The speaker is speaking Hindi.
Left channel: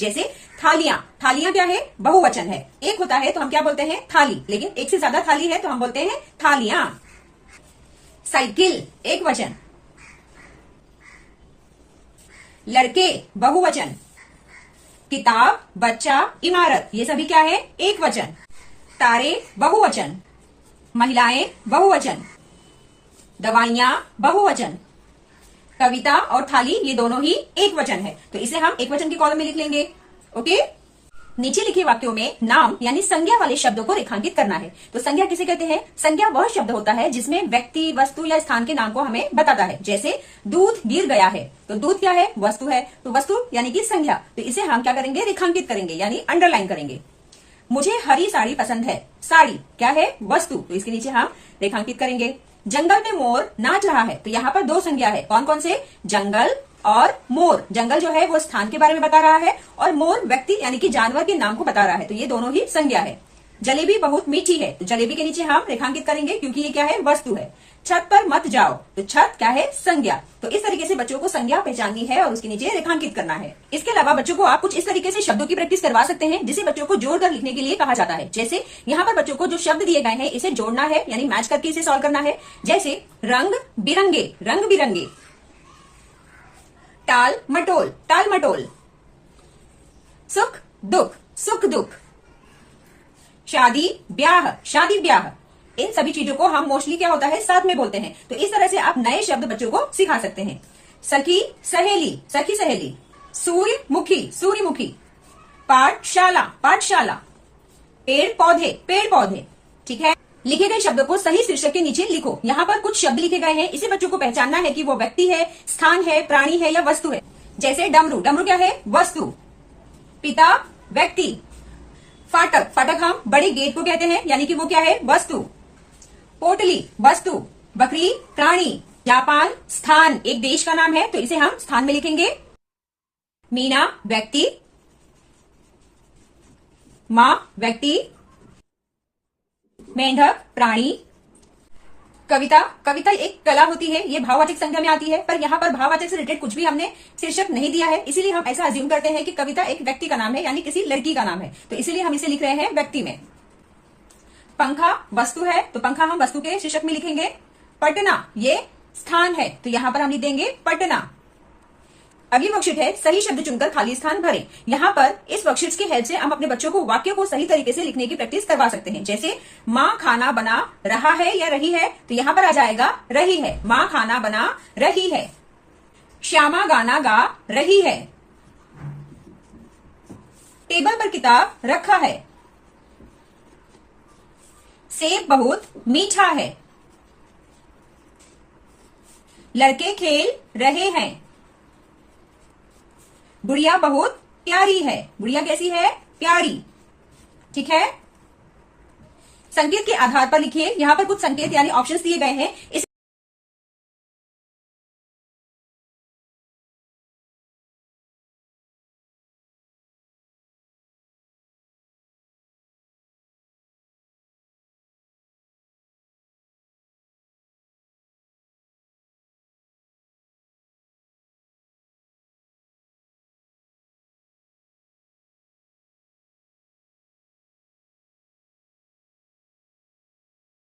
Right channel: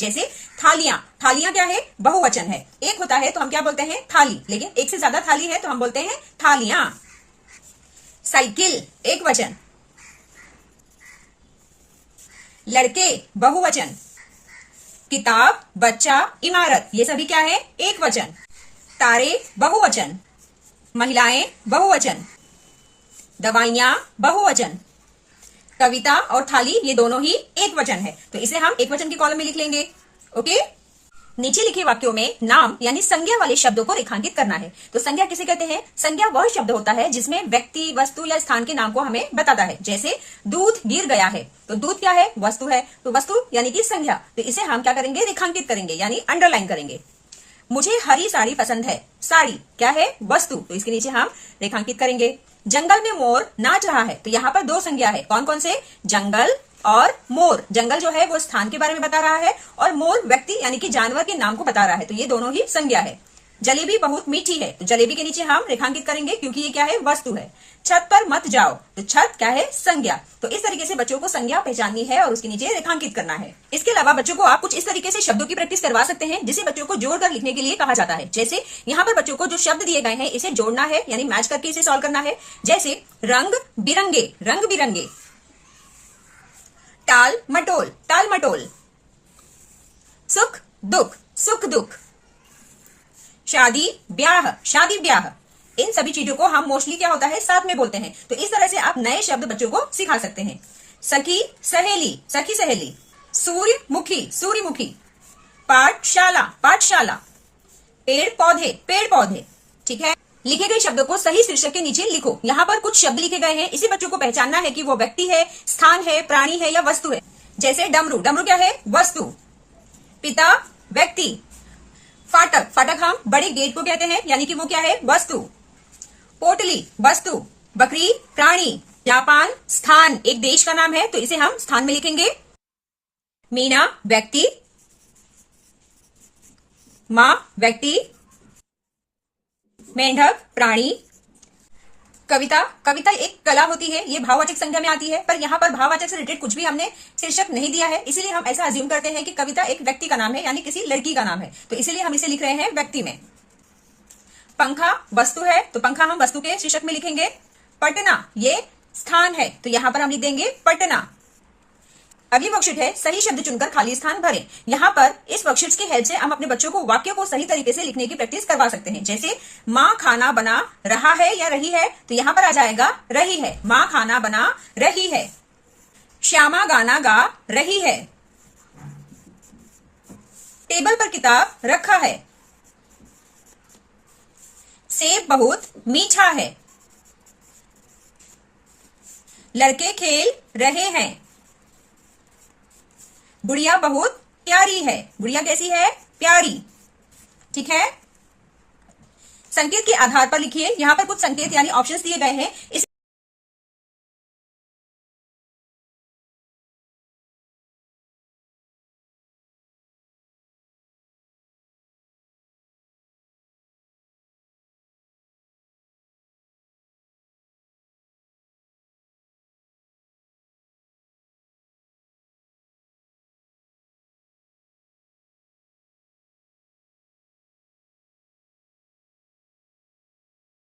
जैसे थालियां, थालियां क्या है, बहुवचन है। एक होता है तो हम क्या बोलते हैं, थाली, लेकिन एक से ज्यादा थाली है तो हम बोलते हैं थालियां। साइकिल एक वचन, लड़के बहुवचन, किताब, बच्चा, इमारत, ये सभी क्या है, एक वचन। तारे बहुवचन, महिलाएं बहुवचन, दवाइयां बहुवचन, कविता और थाली ये दोनों ही एक वचन है, तो इसे हम एक वचन के कॉलम में लिख लेंगे। ओके, नीचे लिखे वाक्यों में नाम यानी संज्ञा वाले शब्दों को रेखांकित करना है। तो संज्ञा किसे कहते हैं, संज्ञा वह शब्द होता है जिसमें व्यक्ति, वस्तु या स्थान के नाम को हमें बताता है। जैसे दूध गिर गया है, तो दूध क्या है, वस्तु है, तो वस्तु यानी कि संज्ञा, तो इसे हम क्या करेंगे, रेखांकित करेंगे यानी अंडरलाइन करेंगे। मुझे हरी साड़ी पसंद है, साड़ी क्या है, वस्तु, तो इसके नीचे हम रेखांकित करेंगे। जंगल में मोर नाच रहा है, तो यहाँ पर दो संज्ञा है, कौन कौन से, जंगल और मोर। जंगल जो है वो स्थान के बारे में बता रहा है और मोर व्यक्ति यानी कि जानवर के नाम को बता रहा है, तो ये दोनों ही संज्ञा है। जलेबी बहुत मीठी है, तो जलेबी के नीचे हम रेखांकित करेंगे क्योंकि ये क्या है, वस्तु है। छत पर मत जाओ, तो छत क्या है, संज्ञा। तो इस तरीके से बच्चों को संज्ञा पहचाननी है और उसके नीचे रेखांकित करना है। इसके अलावा बच्चों को आप कुछ इस तरीके से शब्दों की प्रैक्टिस करवा सकते हैं जिसे बच्चों को जोड़कर लिखने के लिए कहा जाता है। जैसे यहाँ पर बच्चों को जो शब्द दिए गए हैं इसे जोड़ना है यानी मैच करके इसे सॉल्व करना है। जैसे रंग बिरंगे, रंग बिरंगे, टाल मटोल, टाल मटोल, सुख दुख, सुख दुख, शादी ब्याह, शादी ब्याह। इन सभी चीजों को हम मोस्टली क्या होता है, साथ में बोलते हैं। तो इस तरह से आप नए शब्द बच्चों को सिखा सकते हैं। सखी सहेली, सखी सहेली, सूर्यमुखी, सूर्यमुखी, पाठशाला, पाठशाला, पेड़ पौधे, पेड़ पौधे। ठीक है, लिखे गए शब्दों को सही शीर्षक के नीचे लिखो। यहाँ पर कुछ शब्द लिखे गए हैं, इसे बच्चों को पहचानना है कि वो व्यक्ति है, स्थान है, प्राणी है या वस्तु है। जैसे डमरू, डमरू क्या है, वस्तु। पिता व्यक्ति, फाटक, फाटक हम बड़े गेट को कहते हैं यानी कि वो क्या है, वस्तु। पोटली वस्तु, बकरी प्राणी, जापान स्थान, एक देश का नाम है तो इसे हम स्थान में लिखेंगे। मीना व्यक्ति, मां व्यक्ति, मेंढक प्राणी। कविता, कविता एक कला होती है, ये भाववाचक संख्या में आती है, पर यहाँ पर भाववाचक से रिलेटेड कुछ भी हमने शीर्षक नहीं दिया है, इसीलिए हम ऐसा अज्यूम करते हैं कि कविता एक व्यक्ति का नाम है यानी किसी लड़की का नाम है, तो इसीलिए हम इसे लिख रहे हैं व्यक्ति में। पंखा वस्तु है, तो पंखा हम वस्तु के शीर्षक में लिखेंगे। पटना ये स्थान है, तो यहाँ पर हम लिख देंगे पटना। अगली वर्कशीट है सही शब्द चुनकर खाली स्थान भरें। यहाँ पर इस वर्कशीट की हेल्प से हम अपने बच्चों को वाक्यों को सही तरीके से लिखने की प्रैक्टिस करवा सकते हैं। जैसे माँ खाना बना रहा है या रही है, तो यहाँ पर आ जाएगा रही है, माँ खाना बना रही है। श्यामा गाना गा रही है। टेबल पर किताब रखा है। सेब बहुत मीठा है। लड़के खेल रहे हैं। गुड़िया बहुत प्यारी है। गुड़िया कैसी है, प्यारी। ठीक है, संकेत के आधार पर लिखिए। यहाँ पर कुछ संकेत यानी ऑप्शंस दिए गए हैं, इस